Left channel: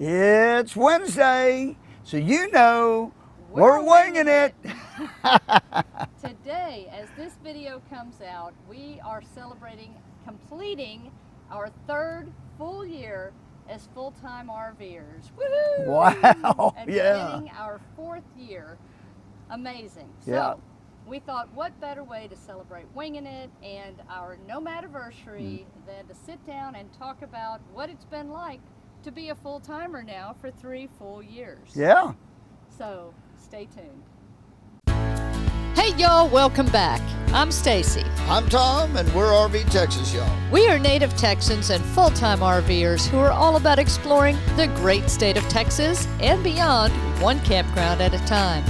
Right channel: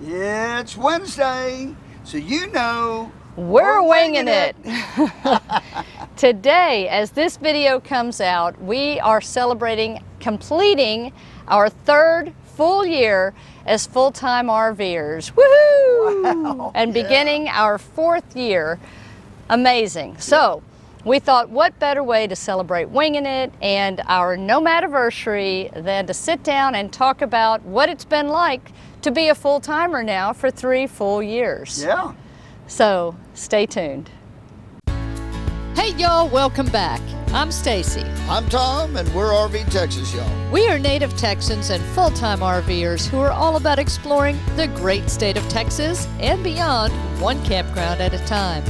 It's Wednesday, so you know we're winging it. Today, as this video comes out, we are completing our third full year as full-time RVers. Woohoo! Wow! And beginning our fourth year. Amazing. So, we thought, what better way to celebrate Winging It and our Nomadiversary than to sit down and talk about what it's been like to be a full-timer now for 3 full years. Yeah. So, stay tuned. Hey y'all, welcome back. I'm Stacy. I'm Tom, and we're RV Texas, y'all. We are Native Texans and full-time RVers who are all about exploring the great state of Texas and beyond, one campground at a time.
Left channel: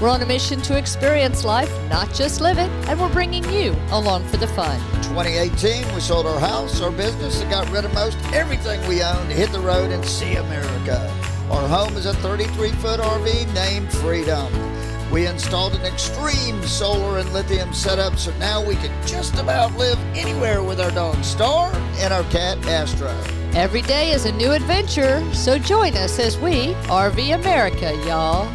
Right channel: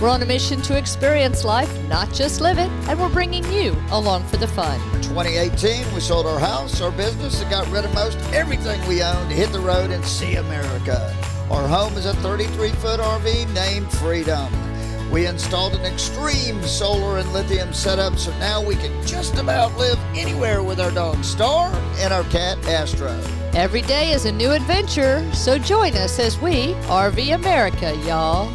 We're on a mission to experience life, not just live it, and we're bringing you along for the fun. 2018, we sold our house, our business, and got rid of most everything we owned to hit the road and see America. Our home is a 33-foot RV named Freedom. We installed an extreme solar and lithium setup, so now we can just about live anywhere with our dog Star and our cat Astro. Every day is a new adventure, so join us as we RV America, y'all.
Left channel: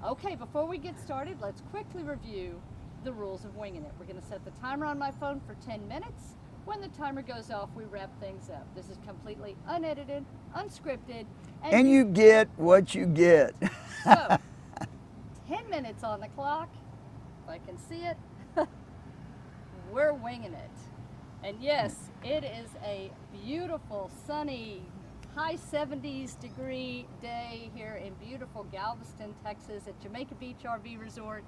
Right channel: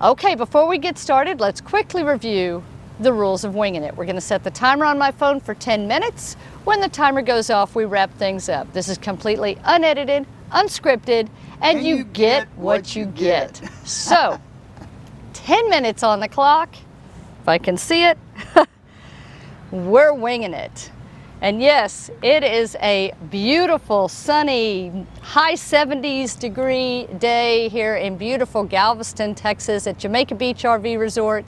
Okay, before we get started, let's quickly review the rules of Winging It. We're going to set the timer on my phone for 10 minutes. When the timer goes off, we wrap things up. This is completely unedited, unscripted, and you get what you get. So, 10 minutes on the clock, if I can see it. We're winging it. And yes, it is a beautiful, sunny, high 70s degree day here in beautiful Galveston, Texas at Jamaica Beach RV Resort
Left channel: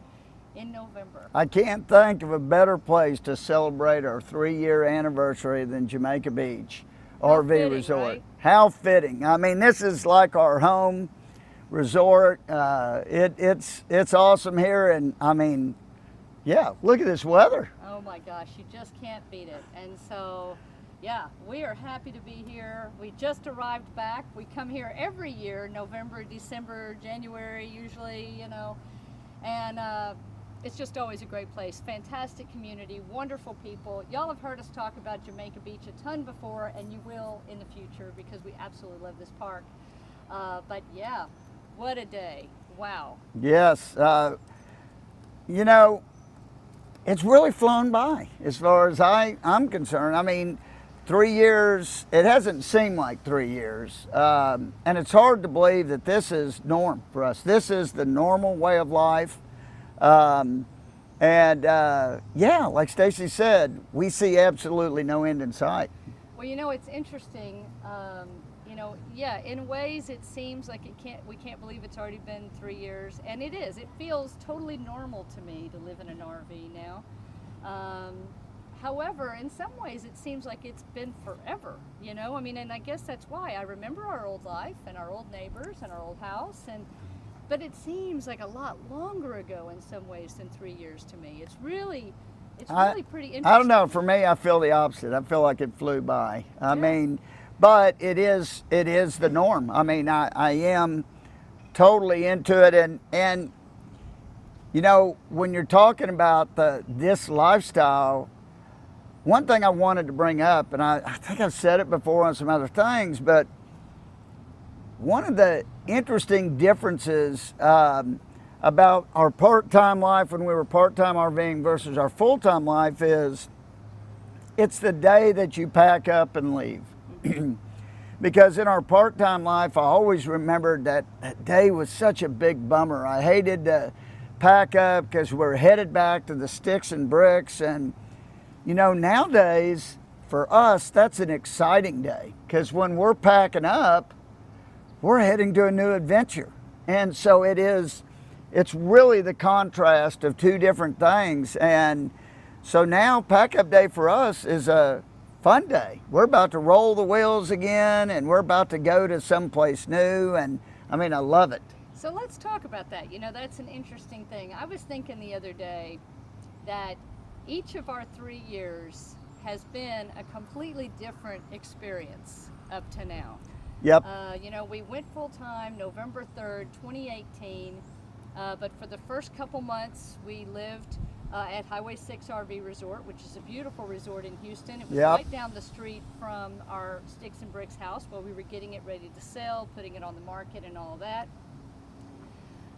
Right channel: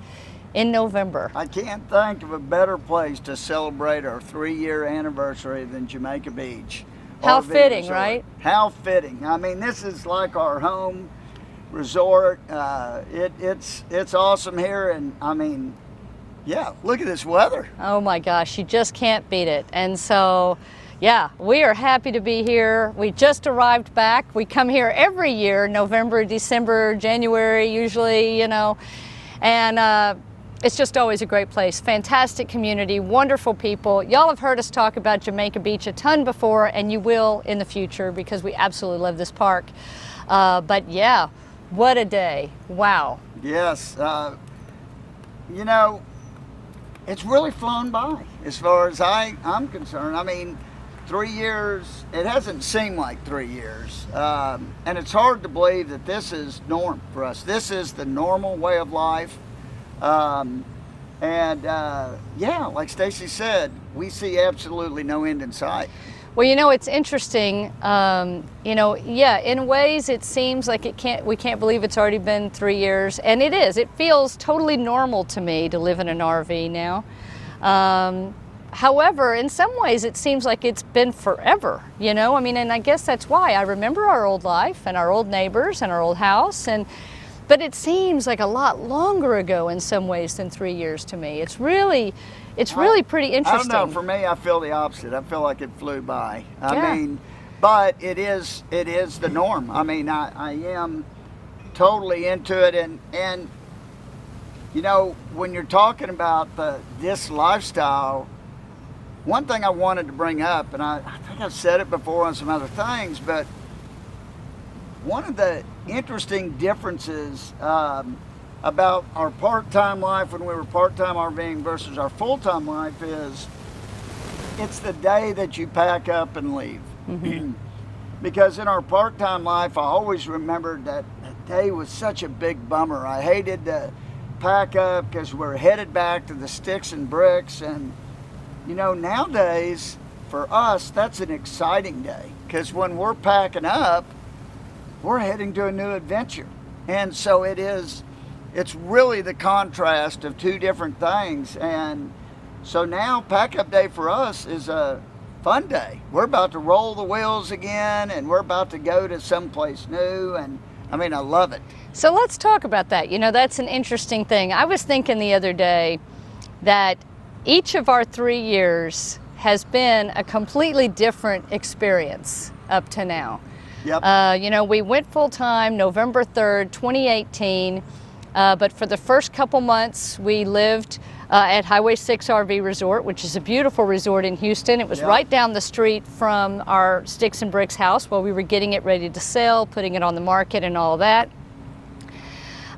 in November. I can't think of a better place to celebrate our 3-year anniversary than Jamaica Beach. How RV fitting, resort. right? How fitting. I mean, this is like our home resort. It's awesome here, and I mean, yeah, look at this weather. Oh my gosh, you just can't beat it. And so, yeah, we are happy to be here. We just arrived back. We come here every year, November, December, January, usually, you know, and it's just always a great place. Fantastic community, wonderful people. Y'all have heard us talk about Jamaica Beach a ton before, and you will in the future because we absolutely love this park. But yeah, what a day. Wow. Yes. You know, it's really flown by as far as I'm concerned. I mean, 3 years, it hasn't seemed like 3 years. And it's hard to believe that this is norm for us. This is the normal way of life. Yeah, like Stacy said, we see absolutely no end in sight. Well, you know, it's interesting, you know, yeah, in ways it seems like we can't believe it's already been 3 years, and it is. It feels totally normal to me to live in an RV now. However, in some ways it seems like it's been forever, you know? I mean, and I guess that's why I remember our old life and our old neighbors and our old house, but it seems like a lot longer ago in some ways than 3 years to me. It's really pretty interesting. I don't know, for me, I feel the opposite. I feel like it flew by. I mean, but it is the norm. I mean, I am totally into it, and you know, when you're talking about this lifestyle, one thing I wanted to bring up, and I think I've said it before on some other things, but one of the interesting differences about our part-time life when we were part-time RVing versus our full-time life is it's the day that you pack up and leave. Mm-hmm. Because in our part-time life, I always remembered that day was such a big bummer. I hated to pack up because we're headed back to the sticks and bricks. And, you know, nowadays, for us, that's an exciting day. Because when we're packing up, we're heading to a new adventure. And so it's really the contrast of two different things. And so now pack up day for us is a fun day. We're about to roll the wheels again, and we're about to go to someplace new. And I mean, I love it. So let's talk about that. You know, that's an interesting thing. I was thinking the other day that each of our 3 years has been a completely different experience up to now. Yep. You know, we went full-time November 3rd, 2018, but for the first couple months we lived at Highway 6 RV Resort, which is a beautiful resort in Houston. It was Yep. right down the street from our Sticks and Bricks house while we were getting it ready to sell, putting it on the market and all that.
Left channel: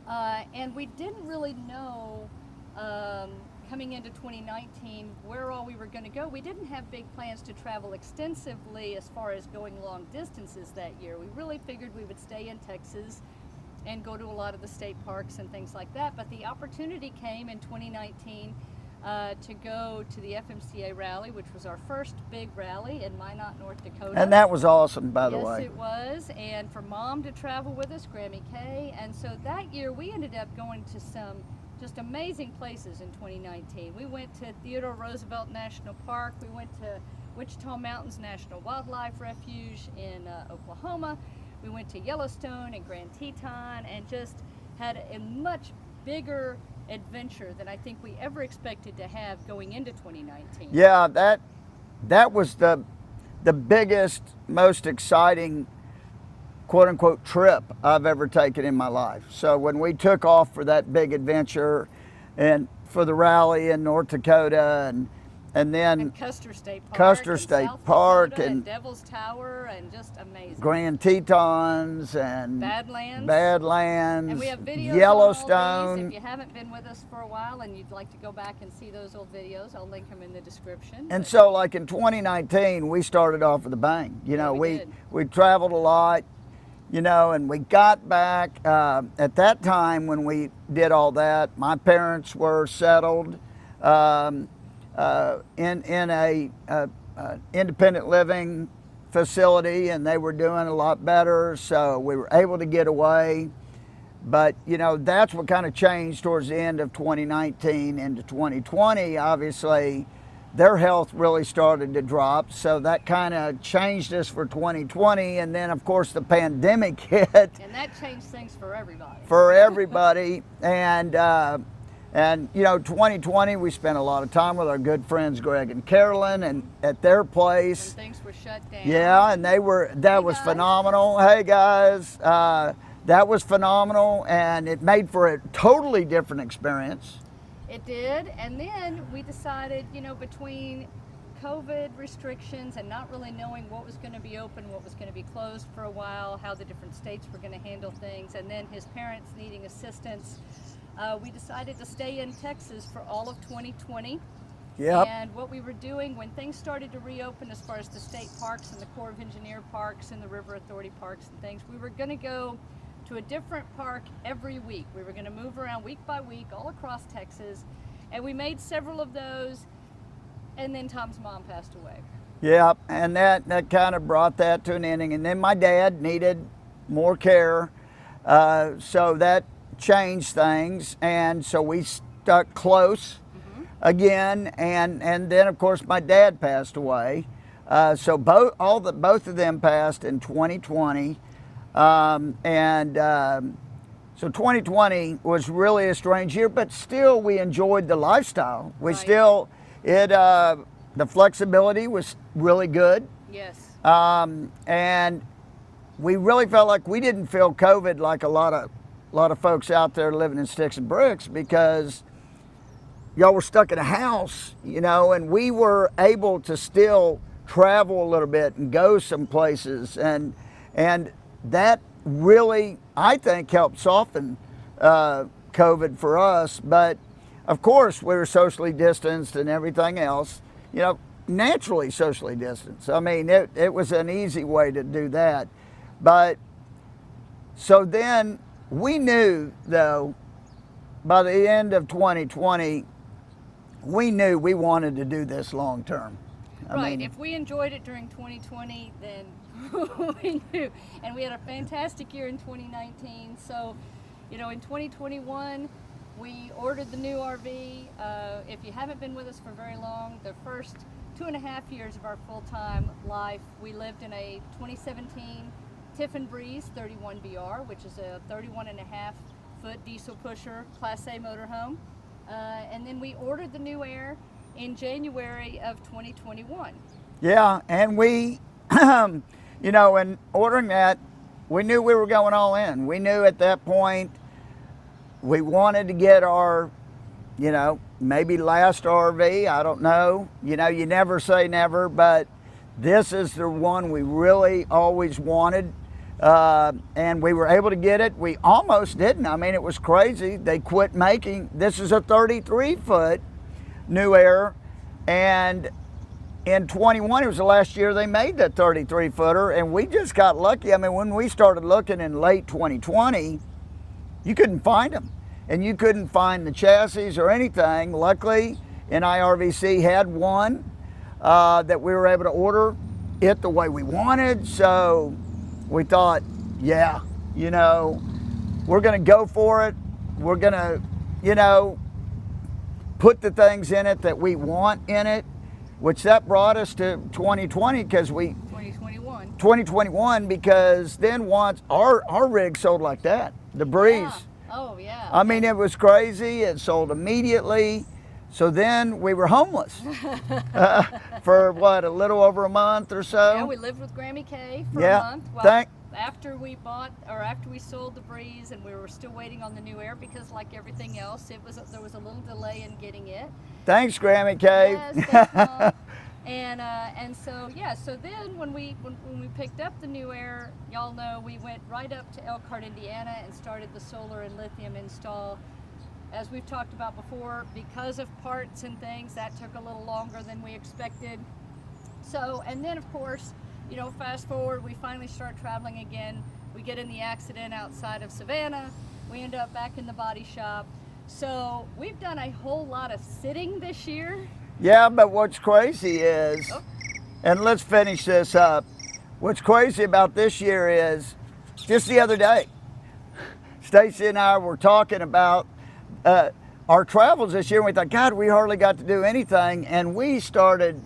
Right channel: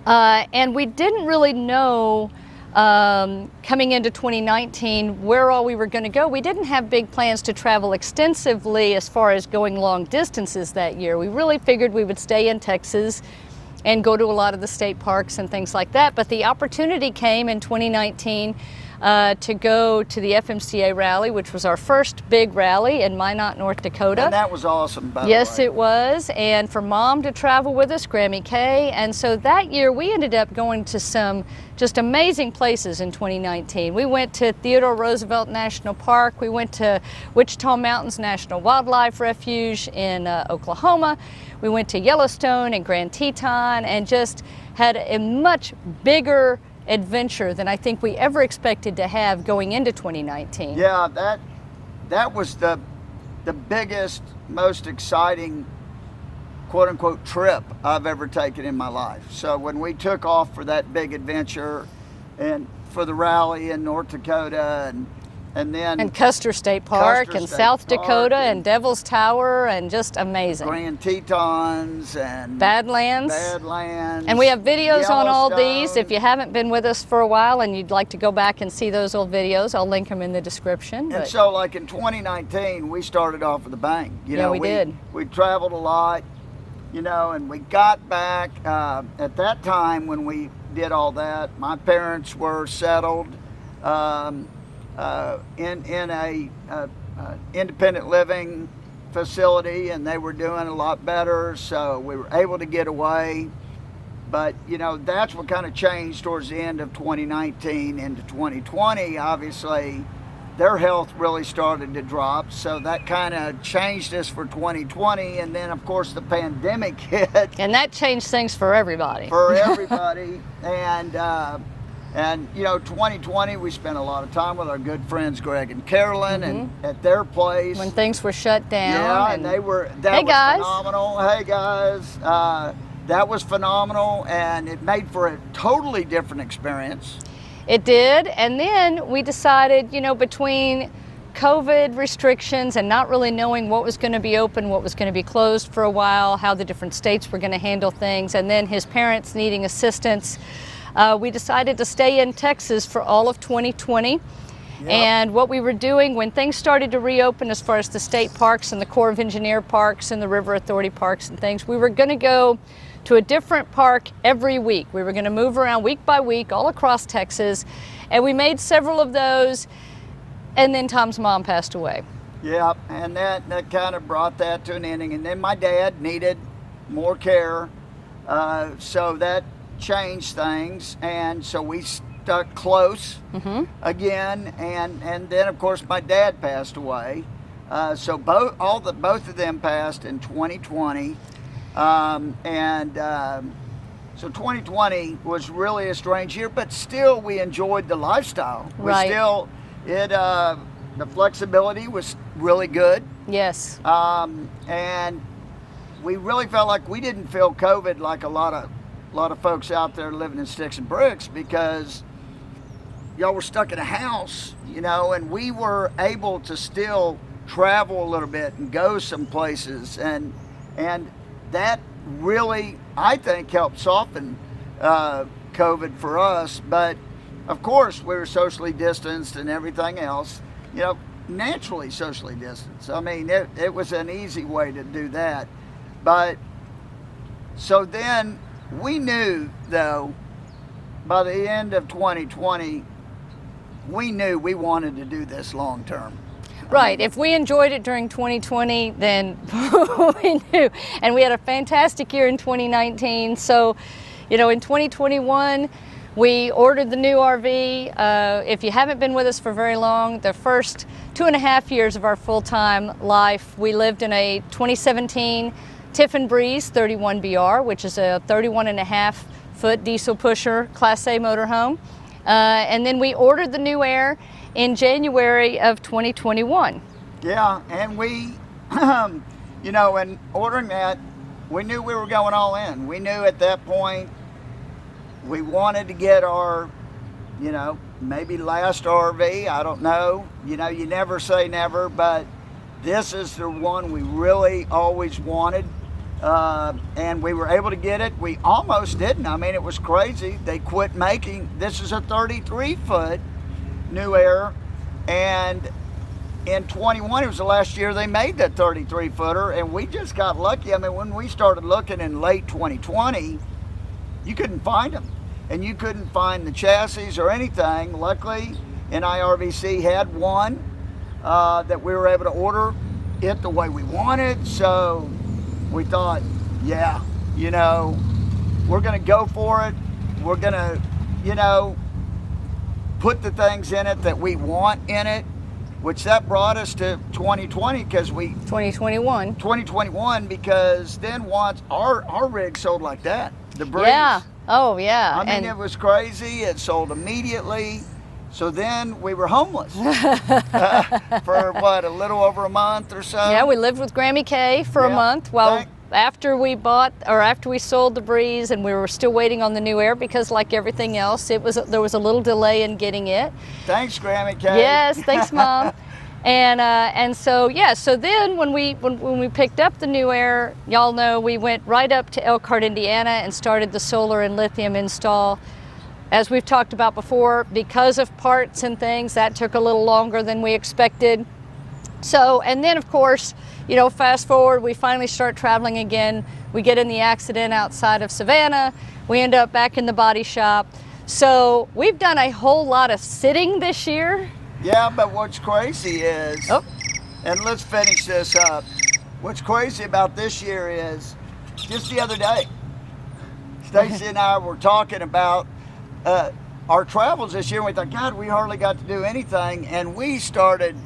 And we didn't really know coming into 2019 where all we were going to go. We didn't have big plans to travel extensively as far as going long distances that year. We really figured we would stay in Texas and go to a lot of the state parks and things like that. But the opportunity came in 2019 to go to the FMCA rally, which was our first big rally in Minot, North Dakota. And that was awesome, by the way. Yes, it was. And for Mom to travel with us, Grammy Kay. And so that year we ended up going to some just amazing places in 2019. We went to Theodore Roosevelt National Park. We went to Wichita Mountains National Wildlife Refuge in Oklahoma. We went to Yellowstone and Grand Teton and just had a much bigger adventure than I think we ever expected to have going into 2019. Yeah, that was the biggest, most exciting, quote unquote, trip I've ever taken in my life. So when we took off for that big adventure and for the rally in North Dakota and then and Custer State Park Custer and State South Park Dakota and and Devil's Tower and just amazing. Grand Tetons and Badlands. Badlands. And we have videos on all these. Yellowstone. If you haven't been with us for a while and you'd like to go back and see those old videos, I'll link them in the description. And but- so, like in 2019, we started off with a bang. You Yeah, know, we did. We traveled a lot, you know, and we got back. At that time, when we did all that, my parents were settled in a independent living facility, and they were doing a lot better. So we were able to get away. But, you know, that's what kind of changed towards the end of 2019 into 2020. Obviously, their health really started to drop. So that kind of changed us for 2020. And then, of course, the pandemic hit And that changed things for everybody. for everybody. And, you know, 2020, we spent a lot of time with our good friends Greg and Carolyn and at their place. When things were shut down. Yeah, and that Hey, was guys. phenomenal. Hey guys, that was phenomenal, and it made for a totally different experience. It did. And then we decided, you know, between COVID restrictions and not really knowing what was going to be open, what was going to be closed for a while, how the different states were going to handle things, and then his parents needing assistance, we decided to stay in Texas for all of 2020. Yep. And what we were doing when things started to reopen as far as the state parks and the Corps of Engineer parks and the River Authority parks and things, we were going to go to a different park every week. We were going to move around week by week all across Texas, and we made several of those, and then Tom's mom passed away. Yeah, and that kind of brought that to an ending. And then my dad needed more care, so that changed things, and so we stuck close again. And then of course my dad passed away, so both of them passed in 2020. So 2020 was really a strange year, but still we enjoyed the lifestyle. Right. The flexibility was really good. Yes. And we really felt like we didn't feel COVID like a lot of folks out there living in sticks and bricks, because y'all were stuck in a house, you know, and we were able to still travel a little bit and go some places, and that really, I think, helped soften COVID for us. But of course, we were socially distanced and everything else, you know, naturally socially distanced. I mean, it was an easy way to do that. But so then we knew, though, by the end of 2020, we knew we wanted to do this long term. Right. If we enjoyed it during 2020, then we knew. And we had a fantastic year in 2019. So, you know, in 2021, we ordered the new RV. If you haven't been with us for very long, the first 2.5 years of our full-time life, we lived in a 2017 Tiffin Breeze 31BR, which is a 31.5-foot diesel pusher Class A motorhome. And then we ordered the new Air in January of 2021. Yeah, and we, you know, in ordering that, we knew we were going all in. We knew at that point we wanted to get our, you know, maybe last RV, I don't know. You know, you never say never, but this is the one we really always wanted. And we were able to get it. We almost didn't. I mean, it was crazy. They quit making, this is a 33-foot New Era, and in 21, it was the last year they made that 33-footer, and we just got lucky. I mean, when we started looking in late 2020, you couldn't find them, and you couldn't find the chassis or anything. Luckily, NIRVC had one that we were able to order it the way we wanted, so we thought, yeah, you know, we're going to go for it. We're going to, you know, put the things in it that we want in it, which that brought us to 2020 because 2021 because then once our rig sold like that, the Breeze. Yeah. Oh yeah. I mean, it was crazy. It sold immediately. So then we were homeless for what, a little over a month or so. Yeah, we lived with Grammy K for a month while after we sold the Breeze, and we were still waiting on the New Air because, like everything else, there was a little delay in getting it. Thanks, Grammy K. Yes, thanks, Mom. And so yeah, so then when we picked up the New Air, y'all know we went right up to Elkhart, Indiana, and started the solar and lithium install. As we've talked about before, because of parts and things, that took a little longer than we expected. So, and then of course, you know, fast forward, we finally start traveling again. We get in the accident outside of Savannah. We end up back in the body shop. So we've done a whole lot of sitting this year. Yeah, but what's crazy is, and let's finish this up. What's crazy about this year is, just the other day, Stacy and I were talking about our travels this year, and we thought, God, we hardly got to do anything, and we started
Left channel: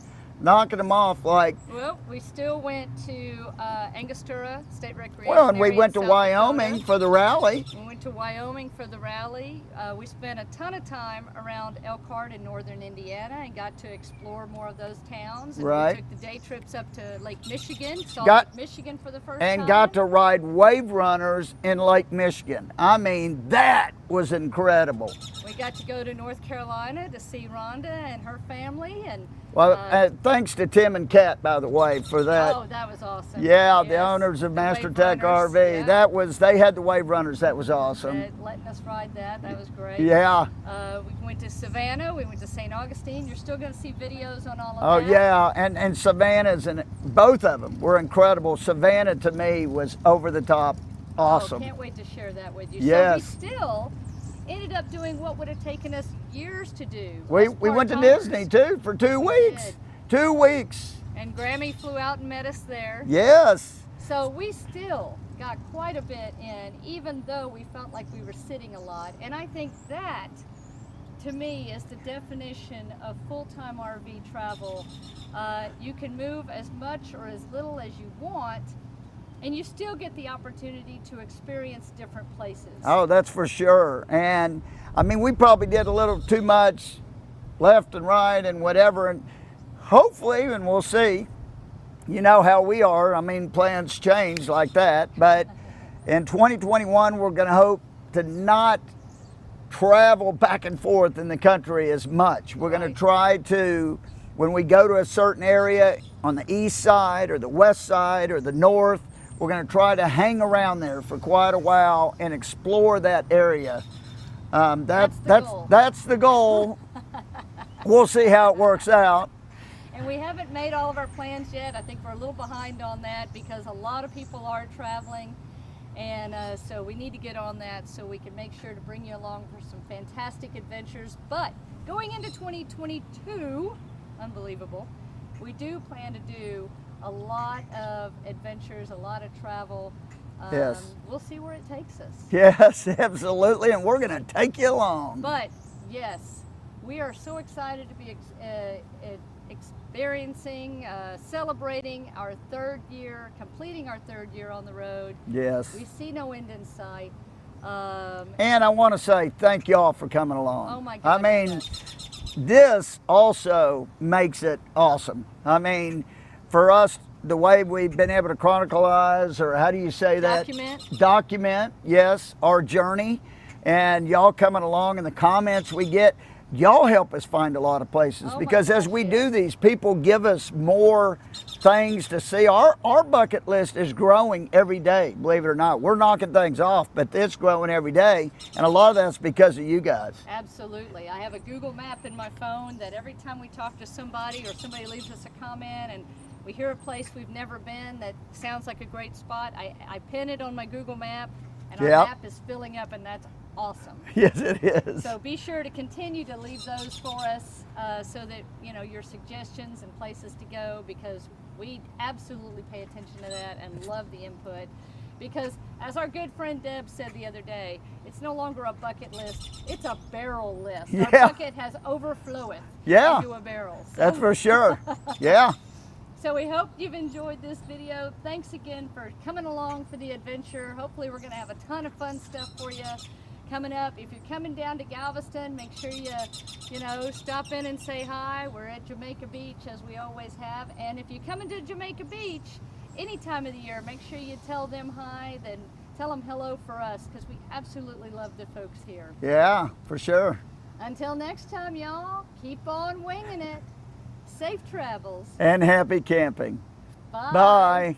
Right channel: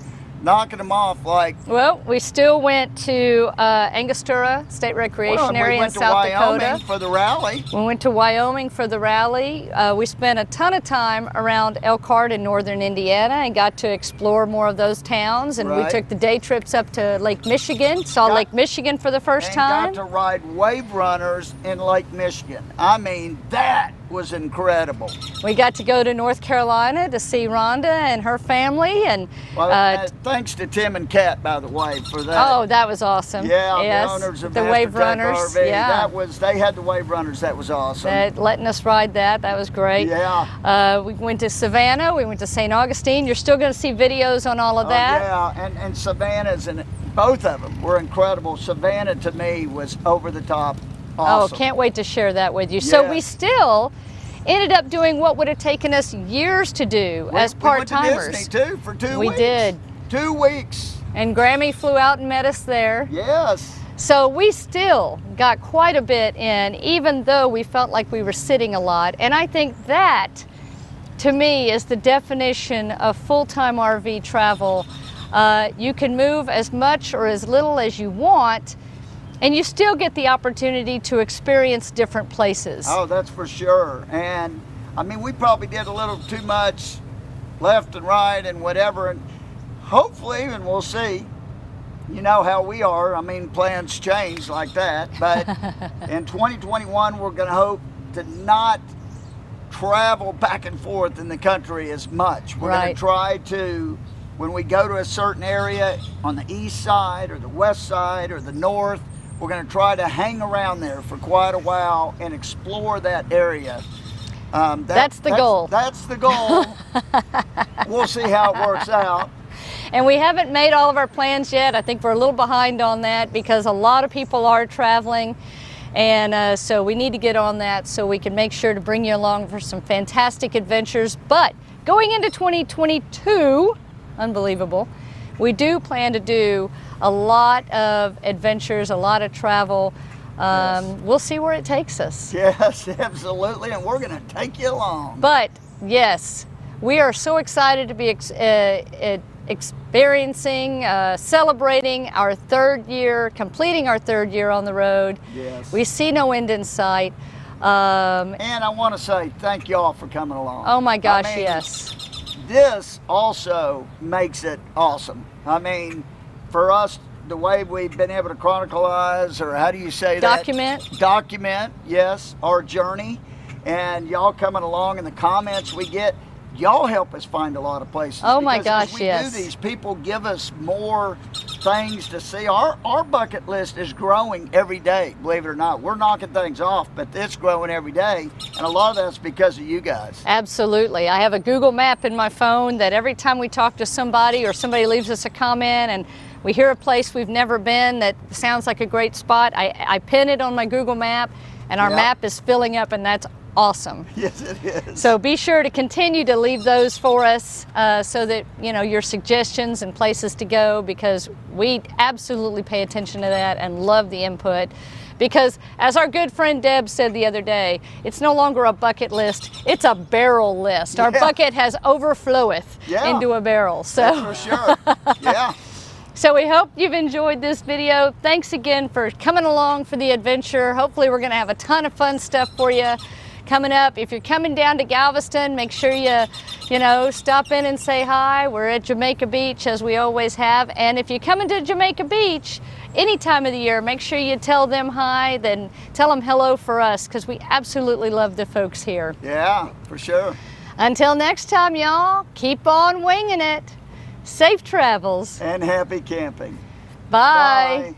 knocking them off like... Well, we still went to Angostura State Recreation Area in South Dakota. We went to Wyoming for the rally. We went to Wyoming for the rally. We spent a ton of time around Elkhart in northern Indiana and got to explore more of those towns. And we took the day trips up to Lake Michigan, Lake Michigan for the first time. And got to ride wave runners in Lake Michigan. I mean, that was incredible. We got to go to North Carolina to see Rhonda and her family, and thanks to Tim and Kat, by the way, for that. Oh, that was awesome. Yeah, yes. The owners of the Master Wave Tech Runners. RV. Yeah. They had the Wave Runners. That was awesome. Letting us ride that was great. Yeah. We went to Savannah. We went to St. Augustine. You're still going to see videos on all of that. Yeah, and Savannah's, and both of them were incredible. Savannah to me was over the top. Awesome. Oh, can't wait to share that with you. Yes. So we still ended up doing what would have taken us years to do as part-timers. We went to Disney too for 2 weeks. We did. 2 weeks. And Grammy flew out and met us there. Yes. So we still got quite a bit in, even though we felt like we were sitting a lot. And I think that, to me, is the definition of full-time RV travel. You can move as much or as little as you want, and you still get the opportunity to experience different places. Oh, that's for sure. And I mean, we probably did a little too much left and right and whatever. And hopefully, and we'll see, you know how we are. I mean, plans change like that. But in 2021, we're going to hope to not travel back and forth in the country as much. We're going to try to, when we go to a certain area on the east side or the west side or the north, we're going to try to hang around there for quite a while and explore that area. That's the goal. That's the goal. We'll see how it works out. And we haven't made all of our plans yet. I think we're a little behind on that because a lot of people are traveling. And so we need to get on that so we can make sure to bring you along for some fantastic adventures. But going into 2022, unbelievable, we do plan to do a lot of adventures, a lot of travel. Yes. We'll see where it takes us. Yes, absolutely, and we're going to take you along. But yes, we are so excited to be experiencing, celebrating our third year, completing our third year on the road. Yes. We see no end in sight. And I want to say thank y'all for coming along. Oh my gosh, I mean, yes. This also makes it awesome. I mean, for us, the way we've been able to chronicleize, or how do you say that? Document, yes, our journey. And y'all coming along and the comments we get, y'all help us find a lot of places. Oh my because gosh, as we yes. do these, people give us more things to see. Our bucket list is growing every day, believe it or not. We're knocking things off, but it's growing every day. And a lot of that's because of you guys. Absolutely. I have a Google map in my phone that every time we talk to somebody or somebody leaves us a comment and we hear a place we've never been that sounds like a great spot, I pin it on my Google map, and our Yep. map is filling up, and that's awesome. Yes, it is. So be sure to continue to leave those for us so that, you know, your suggestions and places to go, because we absolutely pay attention to that and love the input. Because as our good friend Deb said the other day, it's no longer a bucket list, it's a barrel list. Our Yeah. bucket has overfloweth Yeah. into a barrel. So. That's for sure. Yeah. So we hope you've enjoyed this video. Thanks again for coming along for the adventure. Hopefully we're gonna have a ton of fun stuff for you coming up. If you're coming down to Galveston, make sure you know, stop in and say hi. We're at Jamaica Beach, as we always have. And if you're coming to Jamaica Beach any time of the year, make sure you tell them hi, then tell them hello for us, because we absolutely love the folks here. Yeah, for sure. Until next time, y'all, keep on winging it. Safe travels. And happy camping. Bye. Bye.